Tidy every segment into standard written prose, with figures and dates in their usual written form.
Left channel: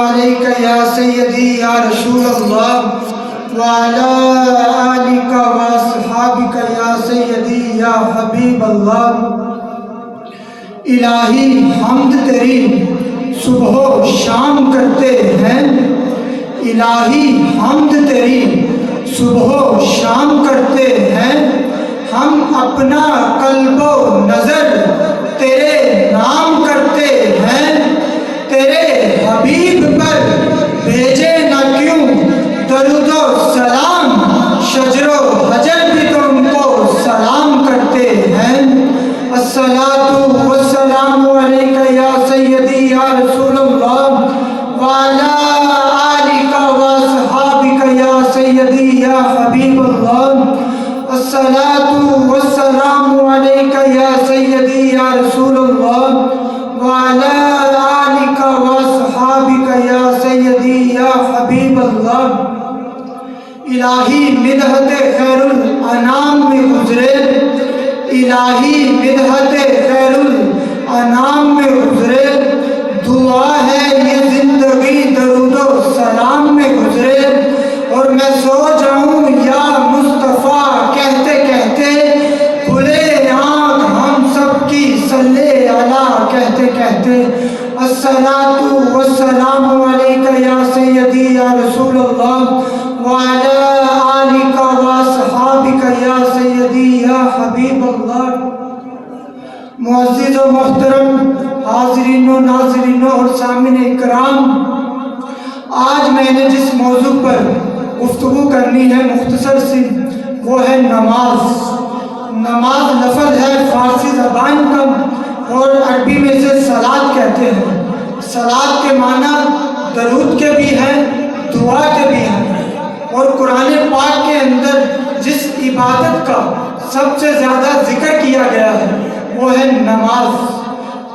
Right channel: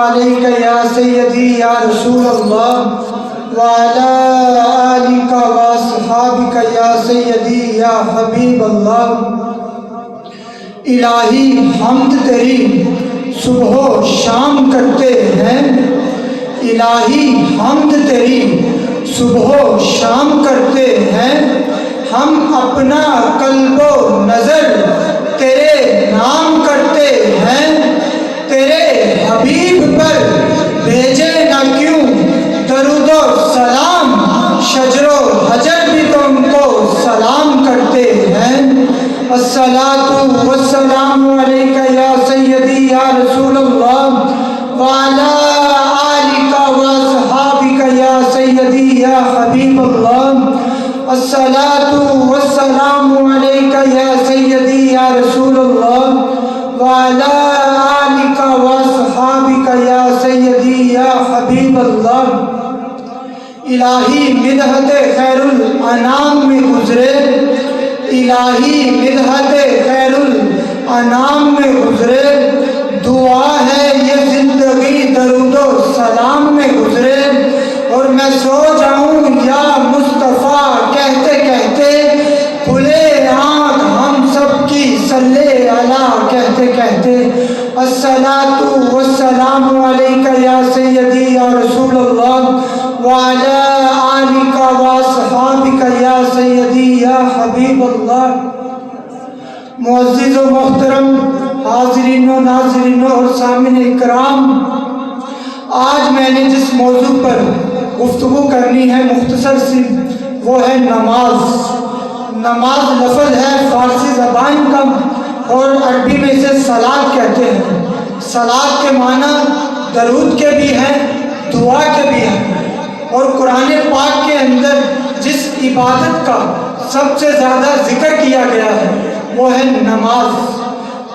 علیک یا سیدی یا رسول اللہ وعلی آلک واصحابک یا سیدی یا حبیب اللہ۔ الہی حمد تیری صبح و شام کرتے ہیں، الہی حمد تیری صبح و شام کرتے ہیں، ہم اپنا قلب و نظر تیرے نام کرتے ہیں، تیرے حبیب پر بھیجے نہ کیوں درود و سلام، شجر و حجر بھی تو ان کو سلام کرتے ہیں۔ الصلاۃ والسلام علیک یا سیدی یا رسول اللہ وعلی آلک واصحابک یا سیدی یا حبیب اللہ۔ الصلاۃ والسلام علیک یا سیدی یا رسول اللہ وعلی آلک واصحابک یا سیدی یا حبیب اللہ۔ الہی مدحت خیر الانام میں گزرے، الہی مدحت خیر الانام میں گزرے، دعا ہے یہ زندگی درود و سلام میں گزرے، اور میں سو جاؤں یا مصطفیٰ کہتے کہتے، کھلے آنکھ ہم سب کی صلی علیہ کہتے کہتے۔ الصلاۃ والسلام علیک یا سیدی یا رسول اللہ وعلی آلک واصحابک یا سیدی یا حبیب اللہ۔ معزز و محترم حاضرین و ناظرین اور سامعین کرام، آج میں نے جس موضوع پر گفتگو کرنی ہے مختصر سی، وہ ہے نماز۔ نماز لفظ ہے فارسی زبان کا اور عربی میں اسے صلاۃ کہتے ہیں۔ صلاۃ کے معنی درود کے بھی ہیں، دعا کے بھی ہیں، اور قرآن پاک کے اندر جس عبادت کا سب سے زیادہ ذکر کیا گیا ہے وہ ہے نماز۔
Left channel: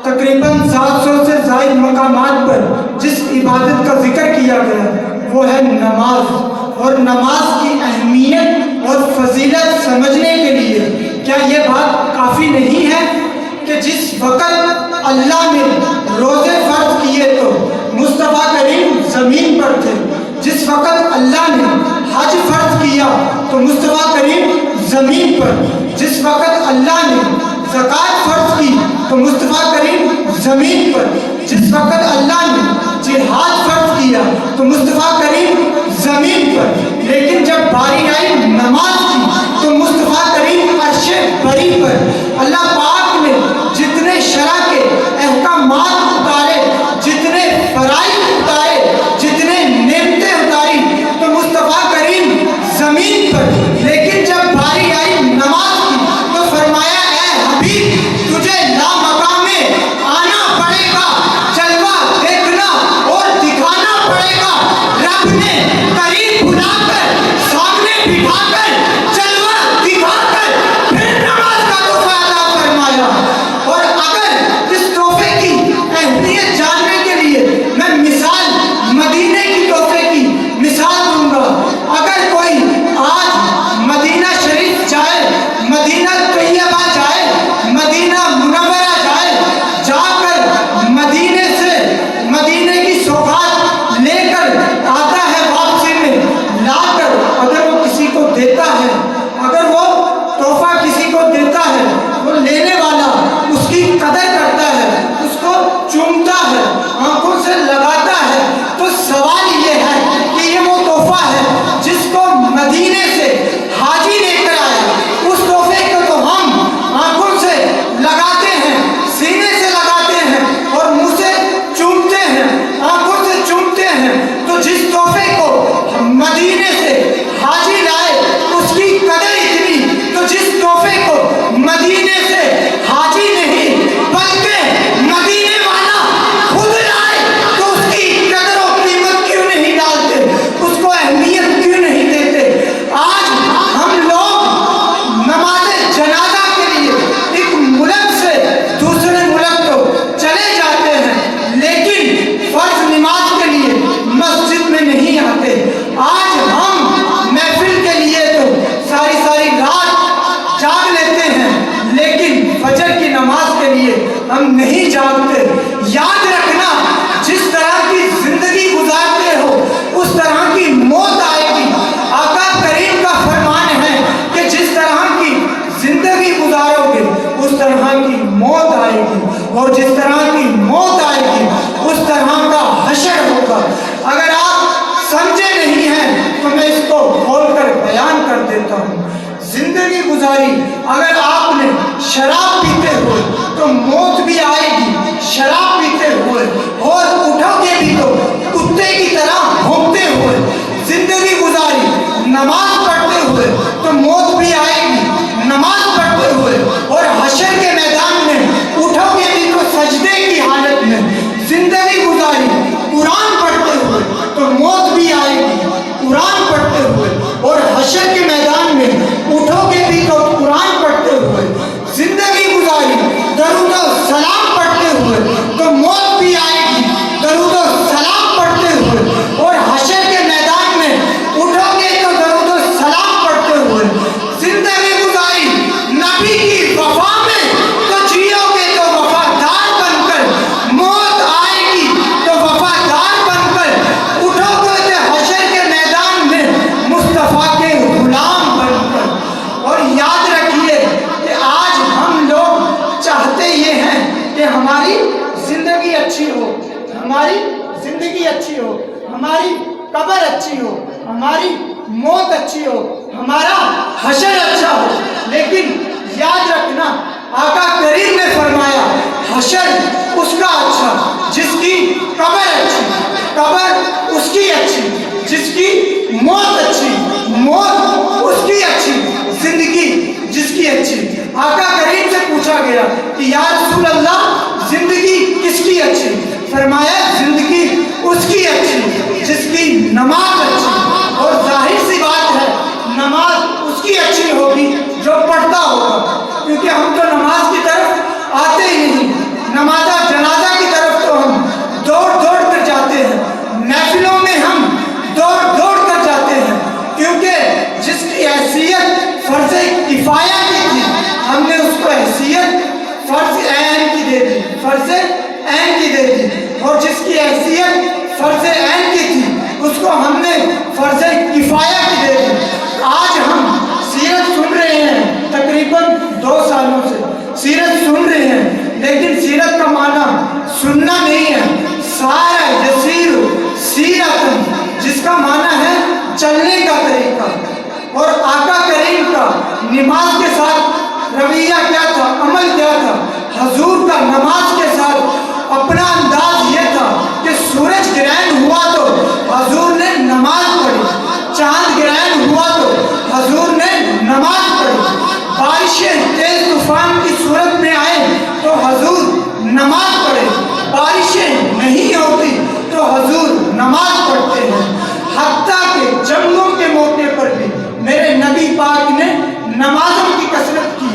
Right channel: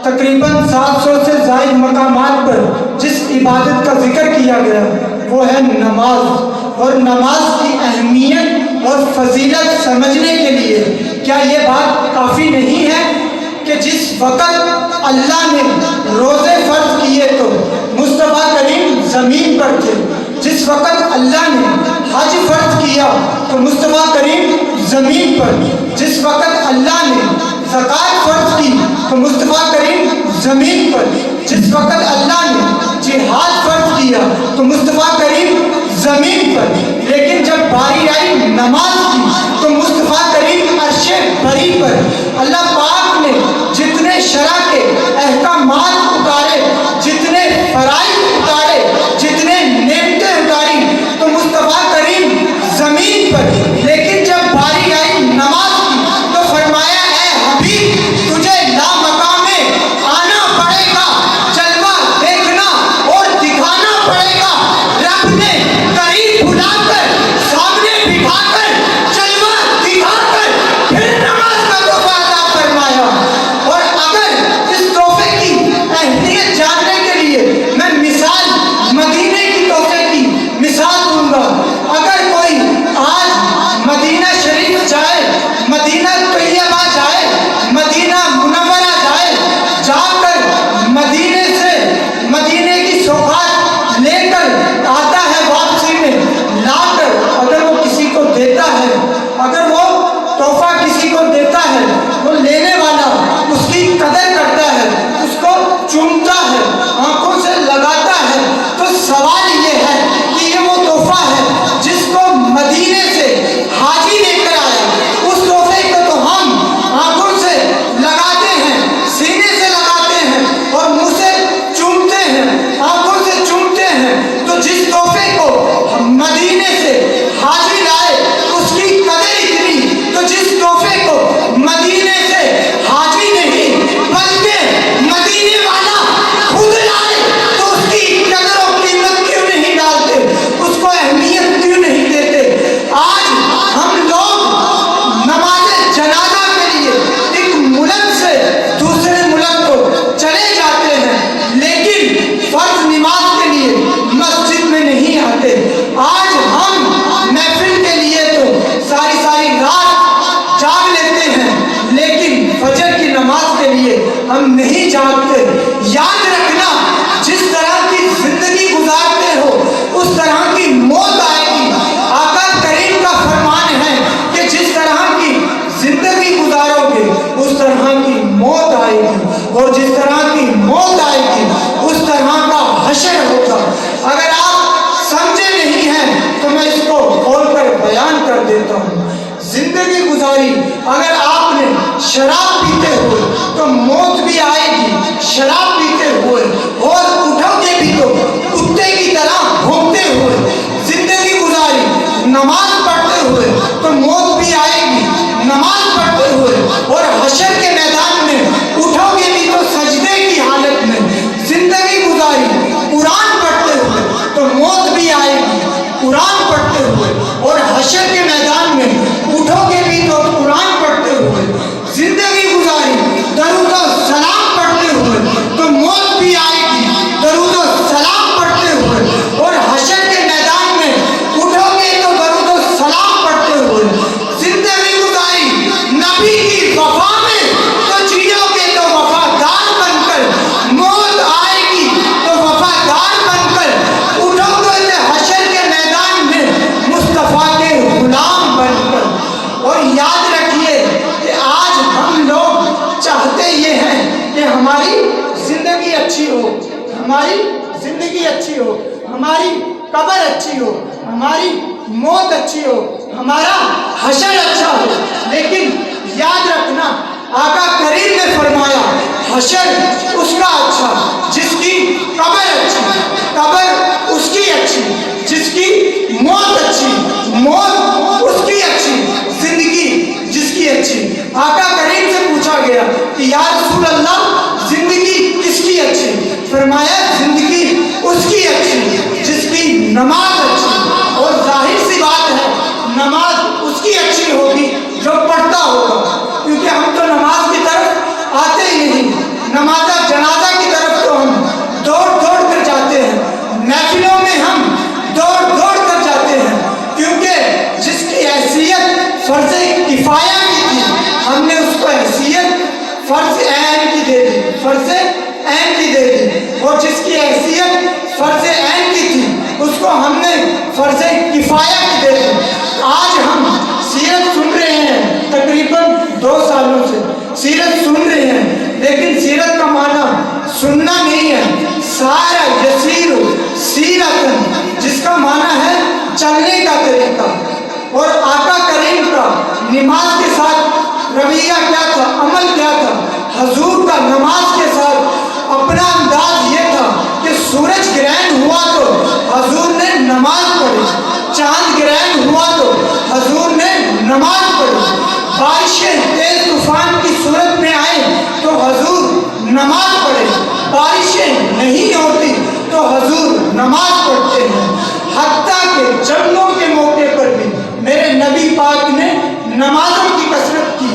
تقریباً 700 سے زائد مقامات پر جس عبادت کا ذکر کیا گیا وہ ہے نماز۔ اور نماز کی اہمیت اور فضیلت سمجھنے کے لیے کیا یہ بات کافی نہیں ہے کہ جس وقت اللہ نے روزے فرض کیے تو مصطفیٰ کریم زمین پر تھے، جس وقت اللہ نے حج فرض کیا تو مصطفیٰ کریم زمین پر، جس وقت اللہ نے زکوٰۃ فرض کی تو مصطفیٰ کریم زمین پر، جس وقت اللہ نے جہاد فرض کیا تو مصطفیٰ کریم زمین پر، لیکن جب باری آئی نماز کی تو مصطفیٰ کریم عرش بری پر۔ اللہ پاک نے جتنے شرع کے احکامات اتارے، جتنے فرائض اتارے، جتنے نعمتیں اتاری تو مصطفیٰ کریم زمین پر، لیکن جب باری آئی نماز کی تو فرمایا اے حبیب تجھے لامقام میں آنا پڑے گا، جلوہ دیکھنا اور دکھانا پڑے گا۔ رب نے قریب بلا کر سامنے بٹھا کر جلوہ دکھا کر پھر نماز کا تحفہ عطا فرمایا۔ اور اگر اس تحفے کی اہمیت جاننے کے لیے میں مثال مدینے کی تحفے کی مثال دوں گا، اگر کوئی آج مدینہ شریف جائے، مدینہ طیبہ جائے، مدینہ منورہ جائے، جا کر مدینے سے مدینے کی سوغات لے کر آتا ہے، واپسی میں لا کر اگر وہ کسی کو دیتا ہے، اگر وہ تحفہ کسی کو دیتا ہے تو لینے والا اس کی قدر کرتا ہے، اس کو چومتا ہے، آنکھوں سے لگاتا ہے، تو سوال یہ ہے کہ یہ وہ تحفہ ہے جس کو مدینے سے حاجی لے کر آیا، اس تحفے کو تو ہم آنکھوں سے لگاتے ہیں، سینے سے لگاتے ہیں اور منہ سے چومتے ہیں، آنکھوں سے چومتے ہیں، تو جس تحفے کو مدینے سے حاجی لائے اس کی قدر اتنی، تو جس تحفے کو مدینے سے حاجی نہیں بلکہ مدینے والا خود لائے تو اس کی قدر و قیمت کیوں نہیں ڈالتے، اس کو اہمیت کیوں نہیں دیتے۔ آج ہم لوگ نماز جنازہ کے لیے ایک ملک سے دوسرے ملک کو چلے جاتے ہیں، لیکن فرض نماز کے لیے مسجد میں نہیں آتے۔ آج ہم محفل کے لیے تو ساری ساری رات جاگ لیتے ہیں، لیکن فجر کی نماز کے لیے ہم نہیں جاگتے۔ یاد رکھنا، جس طرح کی زندگی حشر ہوگا۔ اگر آپ سمجھے نہیں ہیں تو میں اس کو کھول کر بیان کر دیتا ہوں۔ زندگی گزاری، اگر آپ نے شراب پیتے ہوئے تو موت بھی آئے گی، شراب پیتے ہوئے، اور اٹھو گے بھی تو کتے کی طرح بھونکتے ہوئے۔ زندگی گزاری نماز پڑھتے ہوئے تو موت بھی آئے گی، نماز پڑھتے ہوئے، اور حشر کے میدان میں اٹھو گے بھی تو سجدے کی حالت میں۔ زندگی گزاری قرآن پڑھتے ہوئے تو موت بھی آئے گی، قرآن پڑھتے ہوئے، اور حشر کے میدان میں اٹھو گے بھی تو قرآن پڑھتے ہوئے۔ زندگی گزاری درود و سلام پڑھتے ہوئے تو موت بھی آئے گی، درود و سلام پڑھتے ہوئے، اور حشر کے میدان میں اٹھو گے تو درود و سلام پڑھتے ہوئے۔ زندگی گزاری نبی کی وفا میں تو جیو گے تو وفادار بن کر، موت آئے گی تو وفادار بن کر اٹھو گے تو حشر کے میدان میں مصطفیٰ کے غلام بن کر۔ اور یاد رکھیے کہ آج ہم لوگ چاہتے یہ ہیں کہ ہماری زندگی اچھی ہو، ہماری زندگی اچھی ہو، ہماری قبر اچھی ہو، ہماری موت اچھی ہو، ہمارا حشر اچھا ہو۔ لیکن یاد رکھنا، آقا کریم نے فرمایا حشر اس کا اچھا جس کی قبر اچھی، قبر اس کی اچھی جس کی موت اچھی، موت اس کی اچھی، زندگی جس کی اچھی۔ آقا کریم سے پوچھا گیا کہ یا رسول اللہ زندگی کس کی اچھی؟ فرمایا زندگی اس کی اچھی جس کی نماز اچھی۔ اور ظاہر سی بات ہے نماز اس کی اچھی ہوگی جو پڑھتا ہوگا، کیونکہ ہم تو نماز کی طرف آتے ہی نہیں، نماز جنازہ کی طرف تو ہم دوڑ دوڑ کر جاتے ہیں، محفلوں میں ہم دوڑ دوڑ کر جاتے ہیں، کیونکہ جس کی حیثیت فرض کفایہ کی تھی ہم نے اس کو حیثیت فرض عین کی دے دی، فرض عین کی دے دی، اور جس کی حیثیت فرض عین کی تھی اس کو ہم نے فرض کفایہ کی دے دی۔ آج ہم سیرت سن رہے ہیں، تقریباً 2 سالوں سے سیرت سن رہے ہیں، لیکن سیرت کا معنی سننا نہیں ہے، سارا یسیر سیرت جس کا معنی ہے چلنے کا طریقہ۔ اور آقا کریم کا نماز کے ساتھ رویہ کیا تھا، عمل کیا تھا؟ حضور کا نماز کے ساتھ اپنا انداز یہ تھا کہ سورج گرہن ہوا تو حضور نے نماز پڑھی، چاند گرہن ہوا تو حضور نے نماز پڑھی، بارشیں تیز طوفان کی صورت میں آئے تو حضور نماز پڑھے، بارشیں نہیں ہوتی تو حضور نماز پڑھتے ہیں۔ حتیٰ کہ جنگوں کے موقع پر بھی میرے نبی پاک نے نمازوں کی کثرت کی۔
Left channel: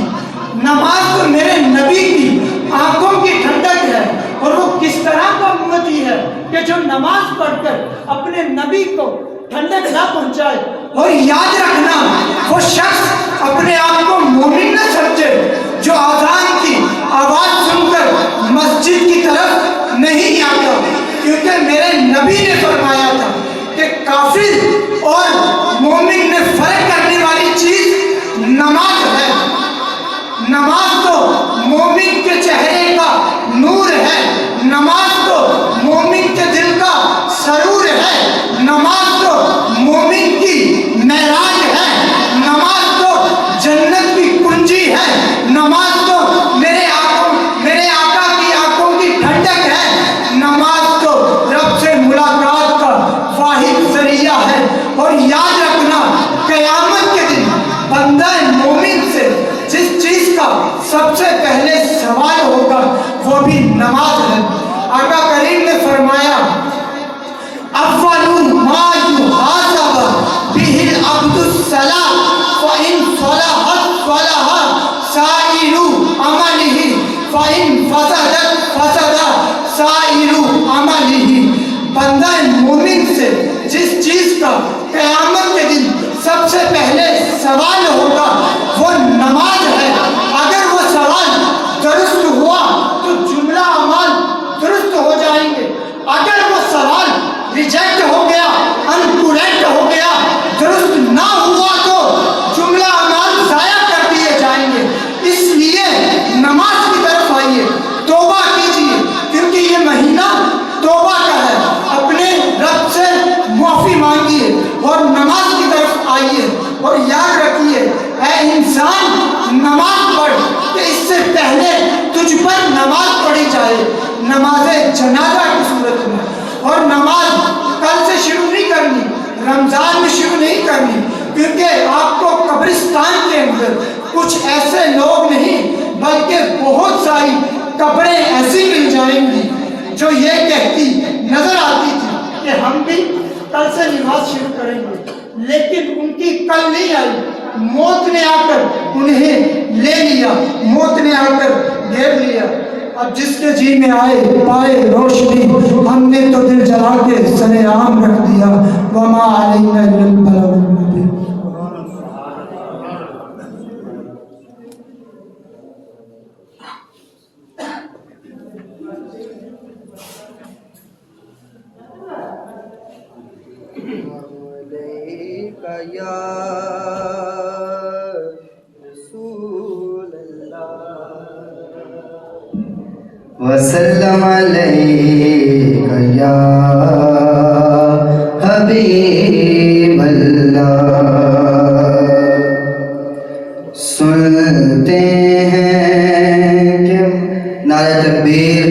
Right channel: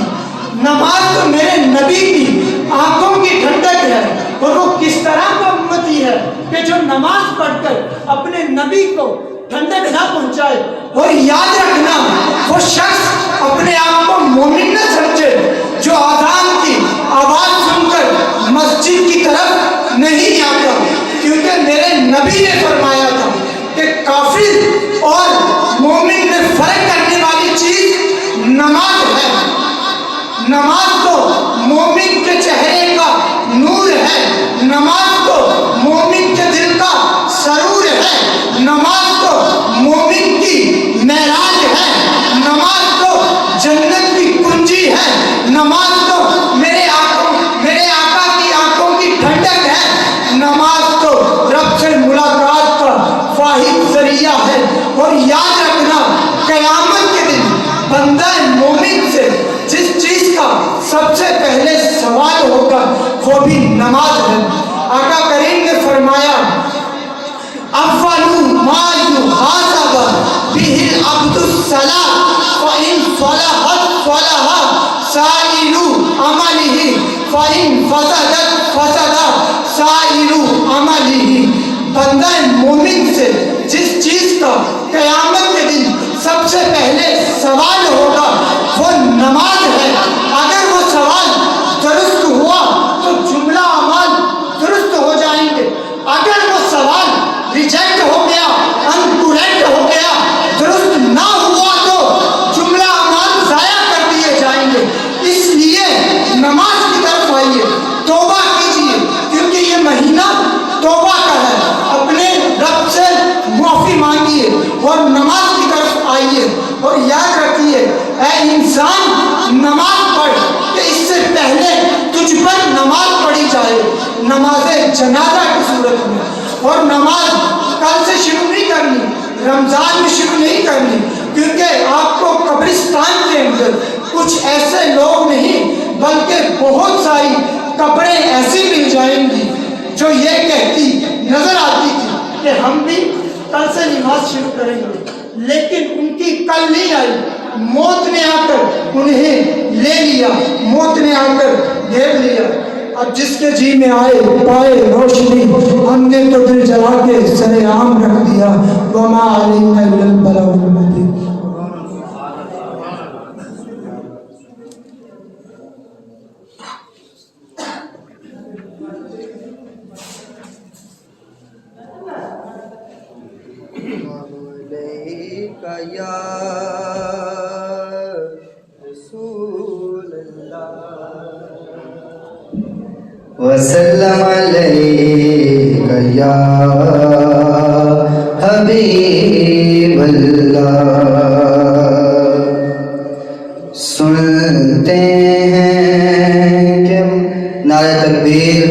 نماز تو میرے نبی کی آنکھوں کی ٹھنڈک ہے، اور وہ کس طرح کا امتی ہے کہ جو نماز پڑھ کر اپنے نبی کو ٹھنڈک نہ پہنچائے۔ اور یاد رکھنا، وہ شخص اپنے آپ کو مومن نہ سمجھے جو اذان کی آواز سن کر مسجد کی طرف نہیں آتا، کیونکہ میرے نبی نے فرمایا تھا کہ کافر اور مومن میں فرق کرنے والی چیز نماز ہے۔ نماز تو مومن کے چہرے کا نور ہے، نماز تو مومن کے دل کا سرور ہے، نماز تو مومن کی معراج ہے، نماز تو جنت کی کنجی ہے، نماز تو میرے آقا کی آنکھوں کی ٹھنڈک ہے، نماز تو رب سے ملاقات کا واحد ذریعہ ہے۔ اور یاد رکھنا، قیامت کے دن بندہ مومن سے جس چیز کا سب سے پہلے سوال ہوگا وہ بھی نماز ہے۔ آقا کریم نے فرمایا اول ما یحاسب به العبد الصلاۃ فإن صلحت صلح سائر عمله فإن فسدت فسد سائر عمله۔ بندہ مومن سے جس چیز کا قیامت کے دن سب سے پہلے سوال ہوگا وہ نماز ہے۔ اگر وہ سوال درست ہوا تو جملہ اعمال درست ہو جائیں گے، اگر وہ سوال ریجیکٹ ہو گیا، انکریکٹ ہو گیا، درست نہ ہوا تو جملہ اعمال ضائع کر دیے جائیں گے۔ اس لیے نماز کی طرف آئیے، توبہ کیجیے، کیونکہ یہ مہینہ توبہ کا ہے۔ مانگیے اور نماز کی طرف آئیے. اور یاد رکھیے اے انسان نماز پڑھ کہ اس سے پہلے تجھ پر نماز پڑھی جائے, نماز جنازہ کی صورت میں. اور نماز کل سے شروع نہیں کرنی, رمضان میں شروع نہیں کرنی, کیونکہ آپ کو قبرستان کے اندر کچھ ایسے لوگ نہیں بلکہ بہت ساری قبریں ایسی مل جائیں گی جو یہ کہتی نظر آتی تھی کہ ہم بھی کل سے نماز شروع کریں گے, لیکن ان کی کل نہیں آئی. موت نے آ کر انہیں لے لیا, موت نے آ کر گھیر لیا. اب جس کے جی میں آئے پائے روشنی, ہم نے تو دل جلا کے سر عام رکھ دیا. وما علینا الا البلاغ المبین. یا رسول اللہ وسلم علیک یا حبیب اللہ. سنتے ہیں کہ نعرہ تکبیر,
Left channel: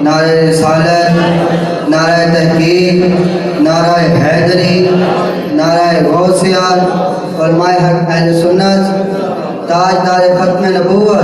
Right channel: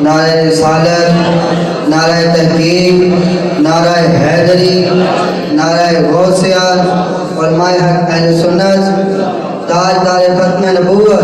نعرہ رسالت, نعرہ تحقیق, نعرہ حیدری, نعرہ غوثیہ, علماء حق اہل سنت, تاجدار ختم نبوت